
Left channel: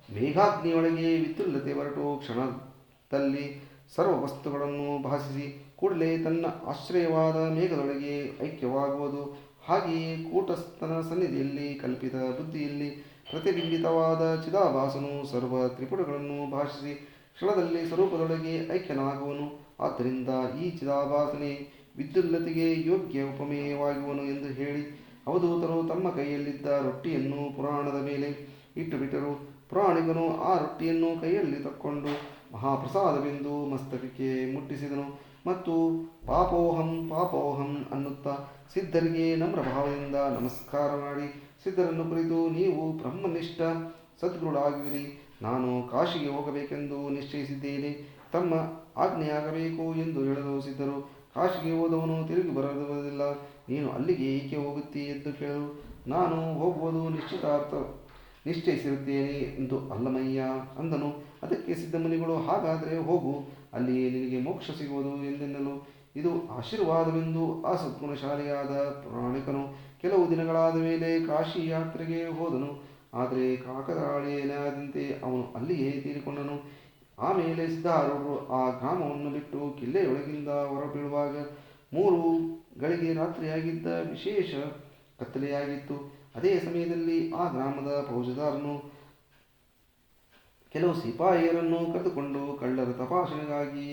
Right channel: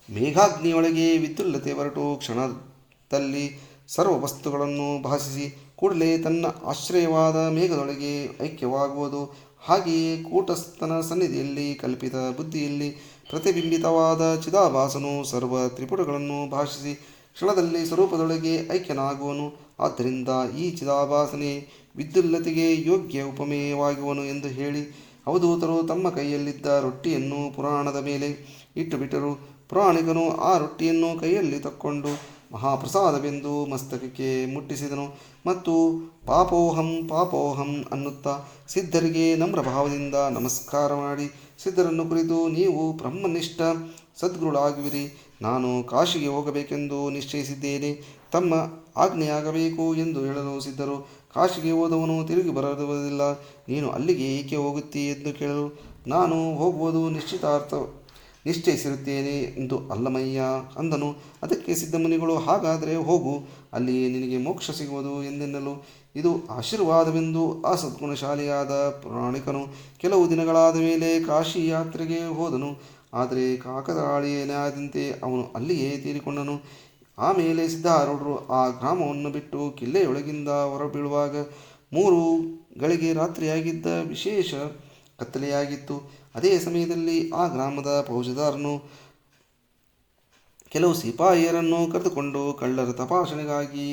ಮೇಘಾಗ್ನಿಯೊಳಗೆ ವಿದ್ಯುಲ್ಲತೆ ಹೊರಟು ಕ್ಷಣದಲ್ಲಿ ಸರ್ವ ವಸ್ತುಗಳನ್ನು ಭಾಸಿಸಿ ಕೂಡಲೇ ತನ್ನ ಆಶ್ರಯವಾದ ಮೇಘದೊಳಗೆ ಐಕ್ಯವಾಗುವುದು. ಹಾಗೆಯೇ ಕೂಟಸ್ಥನ ಸನ್ನಿಧಿಯಲ್ಲಿ ಕಲ್ಪಿತ ಬುದ್ಧಿಯಲ್ಲಿ ಪ್ರತಿಬಿಂಬಿತವಾದ ಚಿದಾಭಾಸನು ಸರ್ವ ತ್ರಿಪುಟಗಳನ್ನು ಭಾಷಿಸಿ ಕ್ಷಣದಲ್ಲಿ ಸ್ವರೂಪದೊಳಗೆ ಐಕ್ಯನಾಗುವನು. ಆದ್ದರಿಂದ ಈ ಚಿದಾಭಾಸನೆ ವಿದ್ಯುಲ್ಲತೆಗೆ ಯೋಗ್ಯ ಉಪಮೇಯವಾಗುವನು ಎಂದು ಹೇಳಿ ಅವಧೂತರು ತಮ್ಮ ಕೈಯಲ್ಲಿದ್ದ ರೊಟ್ಟಿಯನ್ನು ಪುರಾಣದ ಮೇಲೆ ಇಟ್ಟುಬಿಟ್ಟರು. ಪುರಾಣಿಕನು ಆ ರೊಟ್ಟಿಯನ್ನು ಕೈಯಲ್ಲಿ ತಕ್ಕೊಂಡು ಮಹಾಪ್ರಸಾದವೆಂದು ಮಸ್ತಕಕ್ಕೆ ಮುಟ್ಟಿಸಿದನು ಮತ್ತು ಪಾಪೋಹಂ ಪಾಪೋಹಂ ಅನ್ನುತ್ತಾ ಸಿದ್ಧರಿಗೆ ನಮ್ರಭಾವದಿಂದ ನಮಸ್ಕಾರ ಮಾಡಿ ಸಿದ್ಧರನ್ನು ಕುರಿತು, ನೀವು ಬ್ರಹ್ಮನಿಷ್ಠ ಸದ್ಗುರುಳಾಗುವಿರಿ. ನಾನು ಕಾಶಿಗೆ ಹೋಗಬೇಕೆಂದು ನಿಶ್ಚಯಿಸಿದ್ದೇನೆ. ತಮ್ಮ ಆಜ್ಞೆಯಾಗಬೇಕು ಎಂದು ಹೇಳಲು ಸಿದ್ಧರು ಕಾಶಿಗೆ ಹೋದವನು ತಿರುಗಿ ಬರುವುದಿಲ್ಲ. ನೀನು ಅಲ್ಲಿಗೆ ಏಕೆ ಹೋಗುತ್ತೀ ಎಂದು ಕೇಳಲು, ನಾನು ಹೋಗುವುದು ನಿಶ್ಚಯಿಸಿರುತ್ತೇನೆ ಎಂದು ಅಲ್ಲಮಯ್ಯ ಅಂದನು. ಅದಕ್ಕೆ ಸಿದ್ಧಮುನಿಗಳು, ಹಾಗಾದರೆ ಹೋಗು, ಅಲ್ಲಿಯೇ ನಿನಗೆ ಮೋಕ್ಷ ಸಿಗುವುದು ಎಂದೆನ್ನಲು, ಇದು ಆಶೀರ್ವಾದವೆಂದು ಆ ಸದ್ಗುಣಶಾಲಿಯಾದ ಪುರಾಣಿಕನು ಕೆಲವು ದಿನಗಳಾದ ಮೇಲೆ ಕಾಶಿ ಯಾತ್ರೆಗೆ ಹೋದನು. ಆದರೆ ಕಾಕತಾಳೀಯನಾದಂತೆ ಅವನು ಅಲ್ಲಿಯೇ ತೀರಿಕೊಂಡನು. ಆಮೇಲೆ ಸಿದ್ಧಾರೂಢರು ಆ ಗ್ರಾಮವನ್ನು ಬಿಟ್ಟು ಕಿಲ್ಲೆಯೊಳಗಿಂದ ಹೊರಬೀಳುವಾಗ 3 ಗಳಿಗೆ ರಾತ್ರಿಯಾಗಿದ್ದ. ವಿಶೇಷ ಕತ್ತಲೆಯಾಗಿತ್ತು. ಅದೇ ಸಮಯದಲ್ಲಿ ಆ ಗ್ರಾಮದ ಫೌಜದಾರನು ಕೆಲವು ಸಿಪಾಯಿಯರನ್ನು ಕರೆದುಕೊಂಡು ಕಳ್ಳರ ತಪಾಸಣೆಗಾಗಿ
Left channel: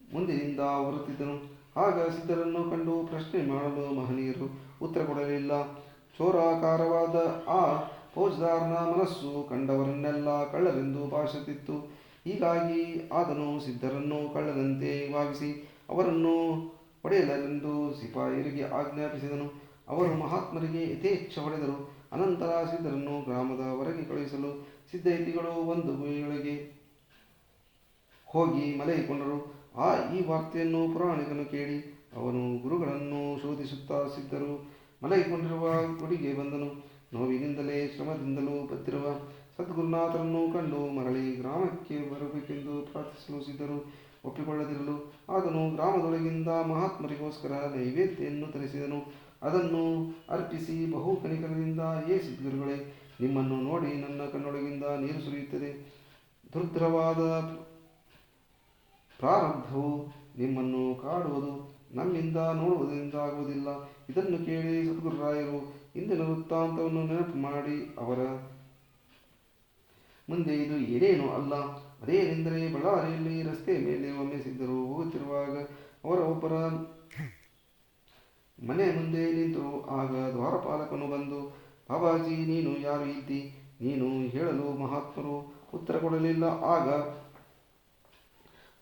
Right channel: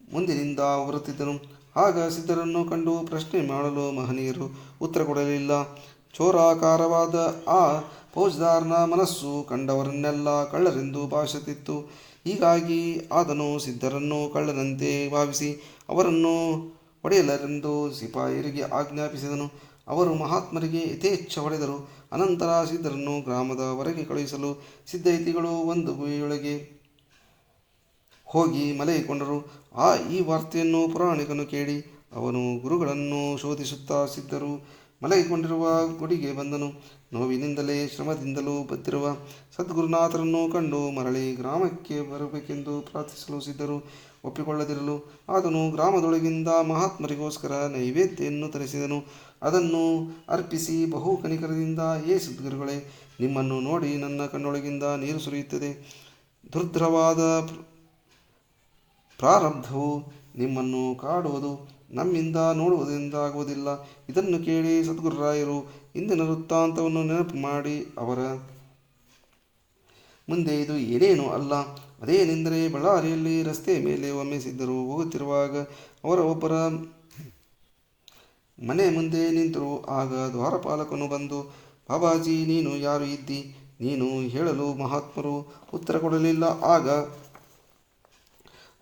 ಮುಂದಿನಿಂದ ಹೊರಟಿದ್ದನು. ಆಗ ಸಿದ್ಧರನ್ನು ಕಂಡು ಪ್ರಶ್ನೆ ಮಾಡಲು ಮಹನೀಯರು ಉತ್ತರ ಕೊಡಲಿಲ್ಲ. ಚೋರಾಕಾರವಾದ ಆ ಫೌಜದಾರನ ಮನಸ್ಸು ಕಂಡವರನ್ನೆಲ್ಲ ಕಳ್ಳರೆಂದು ಭಾವಿಸುತ್ತಿತ್ತು. ಹೀಗಾಗಿ ಆತನು ಸಿದ್ಧರನ್ನು ಕಳ್ಳನಂತೆ ಭಾವಿಸಿ ಅವರನ್ನು ಹೊಡೆಯಲೆಂದು ಸಿಪಾಯಿಯರಿಗೆ ಆಜ್ಞಾಪಿಸಿದನು. ಅವರು ಮಹಾತ್ಮರಿಗೆ ಯಥೇಚ್ಛ ಹೊಡೆದರು. ಅನಂತರ ಸಿದ್ಧರನ್ನು ಗ್ರಾಮದ ಹೊರಗೆ ಕಳುಹಿಸಲು ಸಿದ್ಧೈತಿಗಳು ಒಂದು ಗುಹೆಯೊಳಗೆ ಹೋಗಿ ಮಲಗಿಕೊಂಡರು. ಈ ವಾರ್ತೆಯನ್ನು ಪುರಾಣಿಕನು ಕೇಳಿ ಅವನು ಗುರುಗಳನ್ನು ಶೋಧಿಸುತ್ತಾ ಸಿದ್ಧರು ಮಲಗಿಕೊಂಡಿರುವ ಗುಡಿಗೆ ಬಂದನು. ನೋವಿನಿಂದಲೇ ಶ್ರಮದಿಂದಲೂ ಬದ್ದಿರುವ ಸದ್ಗುರುನಾಥರನ್ನು ಕಂಡು ಮರಳಿ ಗ್ರಾಮಕ್ಕೆ ಬರಬೇಕೆಂದು ಪ್ರಾರ್ಥಿಸಲು ಸಿದ್ಧರು ಒಪ್ಪಿಕೊಳ್ಳದಿರಲು ಆತನು ಗ್ರಾಮದೊಳಗಿಂದ ಮಹಾತ್ಮರಿಗೋಸ್ಕರ ನೈವೇದ್ಯವನ್ನು ತರಿಸಿದನು. ಅದನ್ನು ಅರ್ಪಿಸಿ ಬಹು ಕನಿಕರದಿಂದ, ಏ ಸದ್ಗುರುಗಳೇ, ನಿಮ್ಮನ್ನು ನೋಡಿ ನನ್ನ ಕಣ್ಣೊಳಗಿಂದ ನೀರು ಸುರಿಯುತ್ತದೆ. ದುರ್ಧರವಾದ ಪ್ರಾರಬ್ಧವು ನಿಮ್ಮನ್ನು ಕಾಡುವುದು, ನಮ್ಮಿಂದ ನೋಡುವುದರಿಂದಾಗುವುದಿಲ್ಲ. ಇದನ್ನು ಕೇಳಿ ಸದ್ಗುರುರಾಯರು ಇಂದಿನ ವೃತ್ತಾಂತವನ್ನು ನೆನಪು ಮಾಡಿ ಅವರ ಮುಂದೆ ಇದು ಏನೇನೂ ಅಲ್ಲ, ಅದೇನೆಂದರೆ ಬಳ್ಳಾರಿಯಲ್ಲಿ ರಸ್ತೆಯ ಮೇಲೆ ಒಮ್ಮೆ ಸಿದ್ಧರು ಹೋಗುತ್ತಿರುವಾಗ ಅವರ ಒಬ್ಬರ ಮನೆ ಮುಂದೆ ನಿಂತರು. ಆಗ ದ್ವಾರಪಾಲಕನು ಬಂದು, ಬಾಬಾಜಿ, ನೀನು ಯಾರು ಇದ್ದಿ? ನೀನು ಹೇಳಲು ಮಹಾತ್ಮರು ಉತ್ತರ ಕೊಡಲಿಲ್ಲ. ಆಗ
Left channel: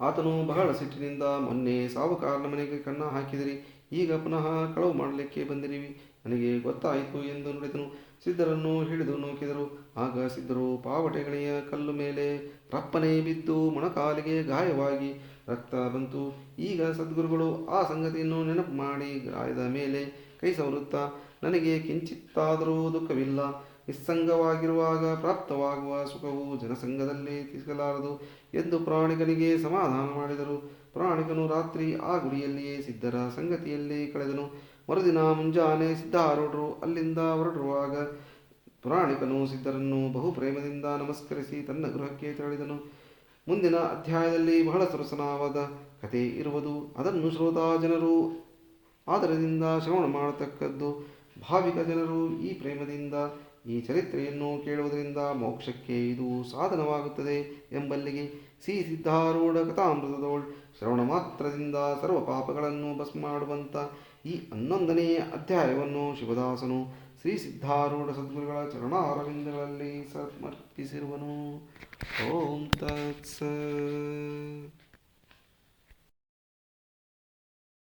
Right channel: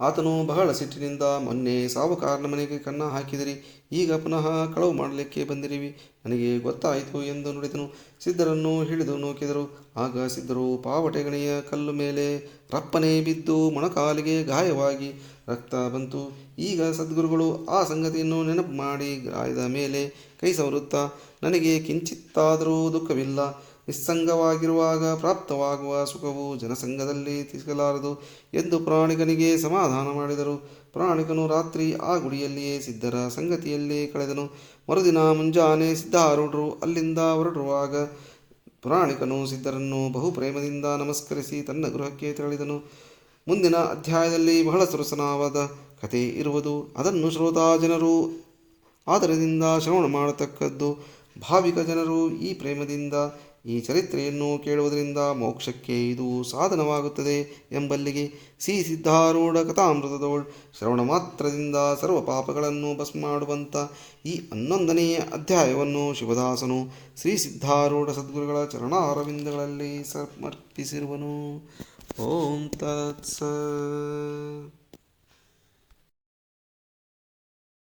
ಆತನು ಬಹಳ ಸಿಟ್ಟಿನಿಂದ, ಮೊನ್ನೆ ಸಾವುಕಾರನ ಮನೆಗೆ ಕನ್ನ ಹಾಕಿದಿರಿ, ಈಗ ಪುನಃ ಕಳವು ಮಾಡಲಿಕ್ಕೆ ಬಂದಿರಿವಿ, ನನಗೆ ಗೊತ್ತಾಯಿತು ಎಂದು ನುಡಿದನು. ಸಿದ್ಧರನ್ನು ಹಿಡಿದು ನೂಕಿದರು. ಆಗ ಸಿದ್ಧರು ಪಾವಟೆಗಣಿಯ ಕಲ್ಲು ಮೇಲೆ ರಪ್ಪನೆ ಬಿದ್ದು ಮೊಣಕಾಲಿಗೆ ಗಾಯವಾಗಿ ರಕ್ತ ಬಂತು. ಈಗ ಸದ್ಗುರುಗಳು ಆ ಸಂಗತಿಯನ್ನು ನೆನಪು ಮಾಡಿ ಗಾಯದ ಮೇಲೆ ಕೈ ಸವರುತ್ತಾ, ನನಗೆ ಕಿಂಚಿತ್ತಾದರೂ ದುಃಖವಿಲ್ಲ. ನಿಸ್ಸಂಗವಾಗಿರುವಾಗ ಪ್ರಾಪ್ತವಾಗುವ ಸುಖವು ಜನಸಂಘದಲ್ಲಿ ಸಿಗಲಾರದು ಎಂದು ಪುರಾಣಿಕನಿಗೆ ಸಮಾಧಾನ ಮಾಡಿದರು. ಪುರಾಣಿಕನು ರಾತ್ರಿ ಆ ಗುಡಿಯಲ್ಲಿಯೇ ಸಿದ್ಧರ ಸಂಗತಿಯಲ್ಲೇ ಕಳೆದನು. ಮರುದಿನ ಮುಂಜಾನೆ ಸಿದ್ಧಾರೂಢರು ಅಲ್ಲಿಂದ ಹೊರಡುವಾಗ ಪುರಾಣಿಕನು ಸಿದ್ಧರನ್ನು ಬಹು ಪ್ರೇಮದಿಂದ ನಮಸ್ಕರಿಸಿ ತನ್ನ ಗೃಹಕ್ಕೆ ತೆರಳಿದನು. ಮುಂದಿನ ಅಧ್ಯಾಯದಲ್ಲಿ ಬಹಳ ಸೊಗಸಾದ ಕಥೆ ಇರುವುದು. ಅದನ್ನು ಶ್ರೋತಾ ಜನರು ಆದರದಿಂದ ಶ್ರವಣ ಮಾಡತಕ್ಕದ್ದು. ಭಾವಿಕ ಜನರು ಈ ಪ್ರೇಮದಿಂದ ಈ ಚರಿತ್ರೆಯನ್ನು ಕೇಳುವುದರಿಂದ ಮೋಕ್ಷಕ್ಕೆ ಇದು ಸಾಧನವಾಗುತ್ತದೆ ಎಂಬಲ್ಲಿಗೆ ಶ್ರೀ ಸಿದ್ಧಾರೂಢ ಕಥಾಮೃತದೋಳ್ ಶ್ರವಣ ಮಾತ್ರದಿಂದ ಸರ್ವ ಪಾಪಗಳನ್ನು ಭಸ್ಮ ಮಾಡುವಂಥ ಈ 11ನೆಯ ಅಧ್ಯಾಯವನ್ನು ಶಿವದಾಸನು ಶ್ರೀ ಸಿದ್ಧಾರೂಢ ಸದ್ಗುರುಗಳ ಚರಣಾರವಿಂದಗಳಲ್ಲಿ ಸಮರ್ಪಿಸಿರುವನು. ಓಂ ತತ್ಸತ್.